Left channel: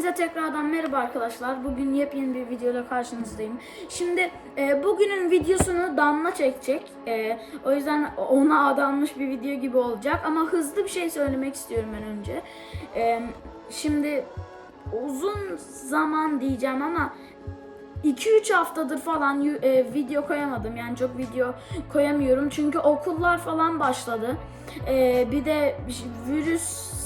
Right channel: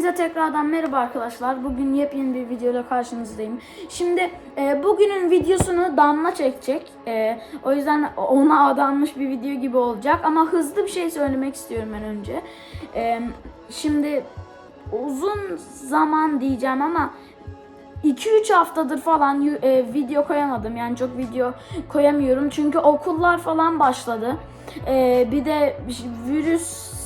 Hepinize tekrardan merhaba arkadaşlar. Bugün yepyeni bir videoyla karşınızdayım. Şimdi e, bugünün videosunu Damla çekecek. E, o yüzden ona adanmış bir video gibi olacak. Ama hızlı bir şey söylemek istiyorum ben önce. E, şimdi uzun zaman diyeceğim ama 2-3 haftadır falan e, video koyamadım. Yani çok video koyamıyorum. Çünkü okullar falan başladı. E, bir de virüs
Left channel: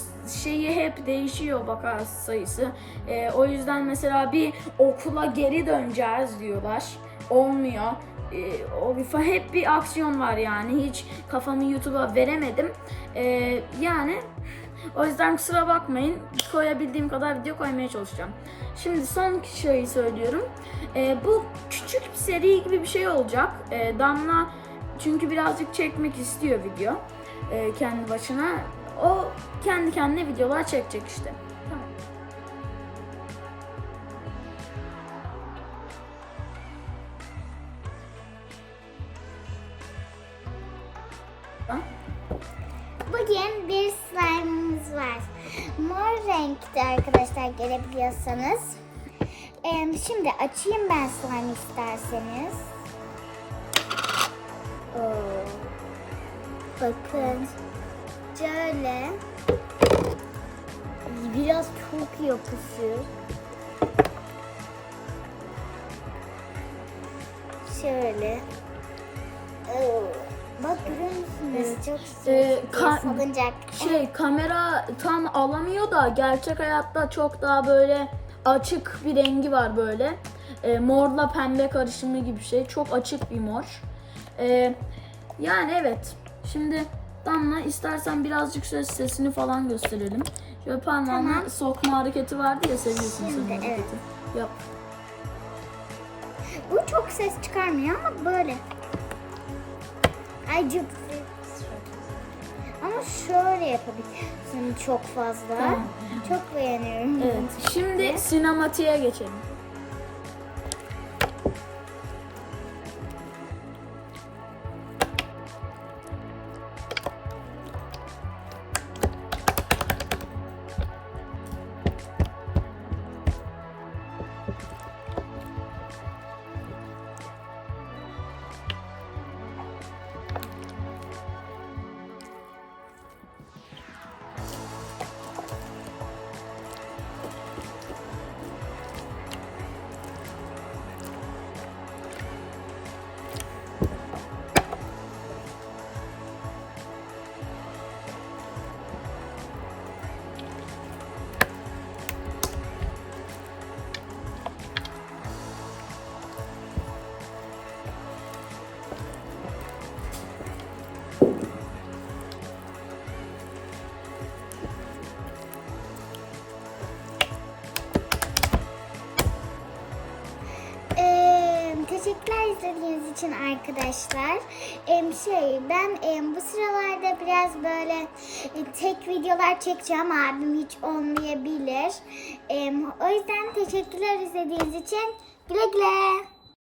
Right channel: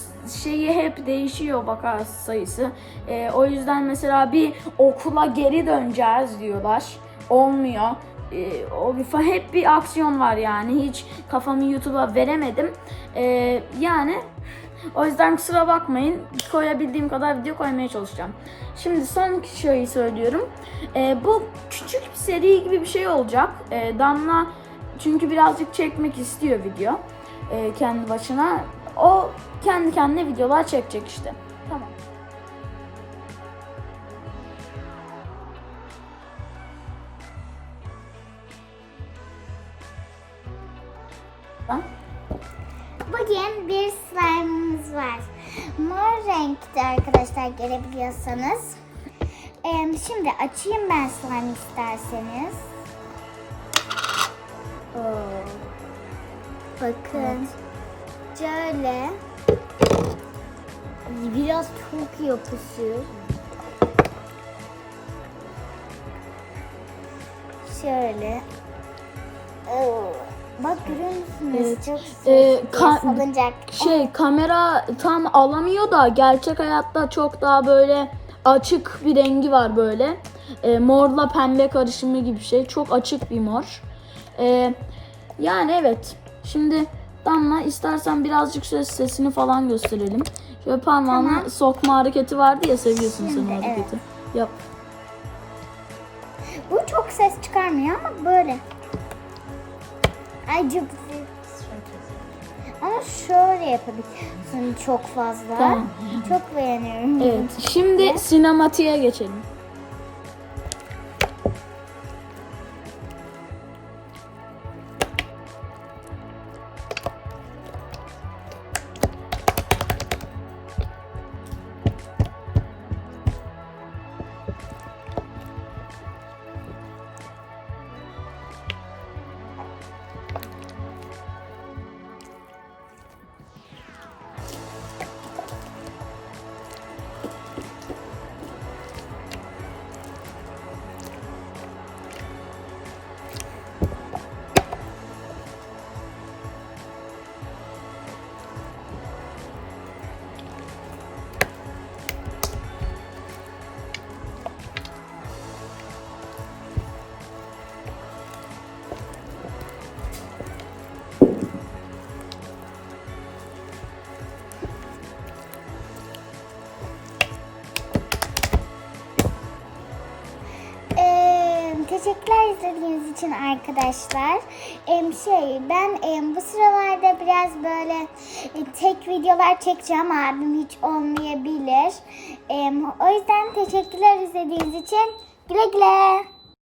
şeyi hep değişiyor vaka sayısı. E, o yüzden mesela bir okula geri döneceğiz diyorlar. Olmuyor. E, o hep bir aksiyon var yani. Hiç kafamı YouTube'a veremedim. E, yani o yüzden kusura bakmayın. Koyabildiğim kadar video koymaya çalışacağım. Şimdi son şeyi söylüyorum. Ee, bu küçük bir seri gibi bir şey olacak. Ee, Damla çünkü birazcık çekmek istiyor video. ee, kendi başına. O kendi kendine videolar çekecek işte. Tamam. Bugün bir slime'ımız var. Mor renkte arkadaşlar görebiliyorsanız. Şimdi açayım ben slime isterseniz. Oo. Bakın. Şöyle. Biraz çok yapışır. Şöyle. Bak görüyor musunuz? Evet. Çok Ee, ka- salıncak. Şey kamera tam alamıyor da gerçek hayatta çok daha böyle açık bir rengi var böyle. E, morla pembe karışımı gibi bir şey. Çok açık bir mor. E, yani evet. Şimdi Damla istersen birazcık şöyle sesini falan gösterelim. Şöyle parmağını Tamam. sokma hareketi vardı ya seviyorsun sen Şimdi, hareketi. Yap. Bu çok ses çıkarmıyor ama böyle. Ay çok Ama şöyle yapabilirsin çok fazla. Tamam. Çok beğeniyorum. Evet. Şimdi Ne? sinematiğe geçelim. Teşekkürler izlediğiniz için arkadaşlar. Ee, şey ben e, bu sıralarda biraz böyle e, tek videolar çekeceğim. Abim hiç olmayabilir. Ee, o yüzden teşekkürler izlediğiniz için. Güle güle.